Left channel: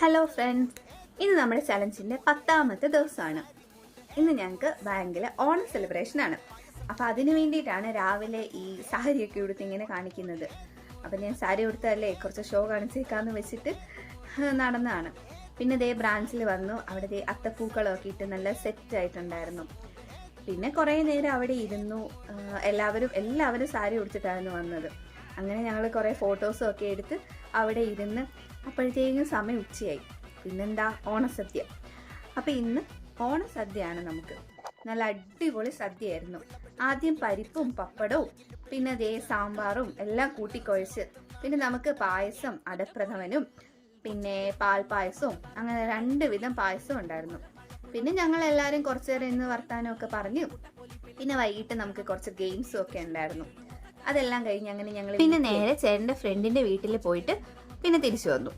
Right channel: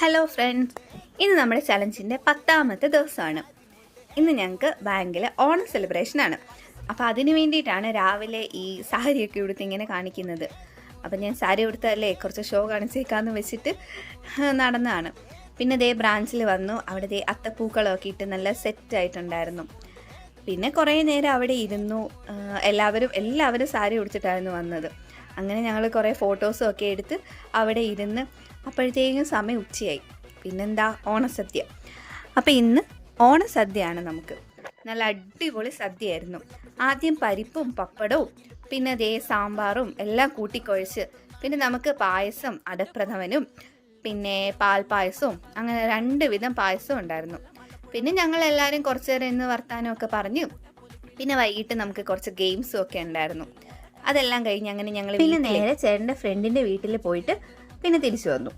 Hello friends, ഇന്ന് നമ്മുടെ ചലഞ്ചിൻ്റെ 10ാമത്തെ ദിവസമാണ്. ഇന്ന് ഞങ്ങൾക്ക് ബാങ്കിൽ ഓണം സെലിബ്രേഷനാണ്. അപ്പോൾ അതിന് വേണ്ടിയിട്ടാണ് രാവിലെ ഈ സാരിയൊക്കെ ഉടുത്ത് ഇങ്ങനെ കാണിക്കുന്നത്. അപ്പം ഞാൻ സാരി ഉടുത്തല്ലേ കുറച്ച് ഷോ കാണിച്ചേക്കാന്ന് വെച്ചിട്ട് നടന്നതാണ്. പിന്നെ ദേ ബ്രാഞ്ചിൽ വന്നു. അവിടെ ദേ അത്തപ്പൂക്കളമൊക്കെ ഇട്ട് നല്ല സെറ്റായിട്ടുണ്ടായിരുന്നു. പിന്നെ കുറേ നേരം അവിടെ ഇരുന്നു. എല്ലാവരും സാരി ഉടുത്തിട്ടായിരുന്നു വന്നത്. അങ്ങനെ ഞങ്ങൾ കുറേ ഫോട്ടോസും ഒക്കെ എടുത്ത് അവിടെ ഇരുന്ന് അപ്പോഴത്തേക്കും സമയം ഉച്ചയായി. പിന്നെന്താ, ഓണസദ്യ. അപ്പോൾ ഇന്ന് ഓണസദ്യയാണ്. നമുക്ക് നല്ല അടിപൊളി സദ്യയായിരുന്നു. ആദ്യം പരിപ്പും പപ്പടവും പിന്നെ ദേ സാമ്പാറും എല്ലാം കൂട്ടിക്കുഴച്ച്, പിന്നെ നമുക്ക് പായസം, അടപ്രഥമനും പിന്നെ പാൽപ്പായസവും, അങ്ങനെ 2 വിധം പായസവും ഉണ്ടായിരുന്നു. പിന്നെ ഞങ്ങളെല്ലാവരും കുറച്ച് നേരം ഇന്ന് വർത്താനമൊക്കെ പറഞ്ഞു. പിന്നെ വൈകിട്ട് നമുക്ക് കുറച്ച് ഗെയിംസും ഒക്കെ ഉണ്ടായിരുന്നു. അതെല്ലാം കഴിഞ്ഞ് അങ്ങനെ ഞങ്ങൾ പിന്നെ നേരെ ചേട്ടൻ്റെ ഫ്രണ്ടിൻ്റെ വീട്ടിൽ പോയിട്ട് പിന്നെ തിരിച്ചു വന്നു.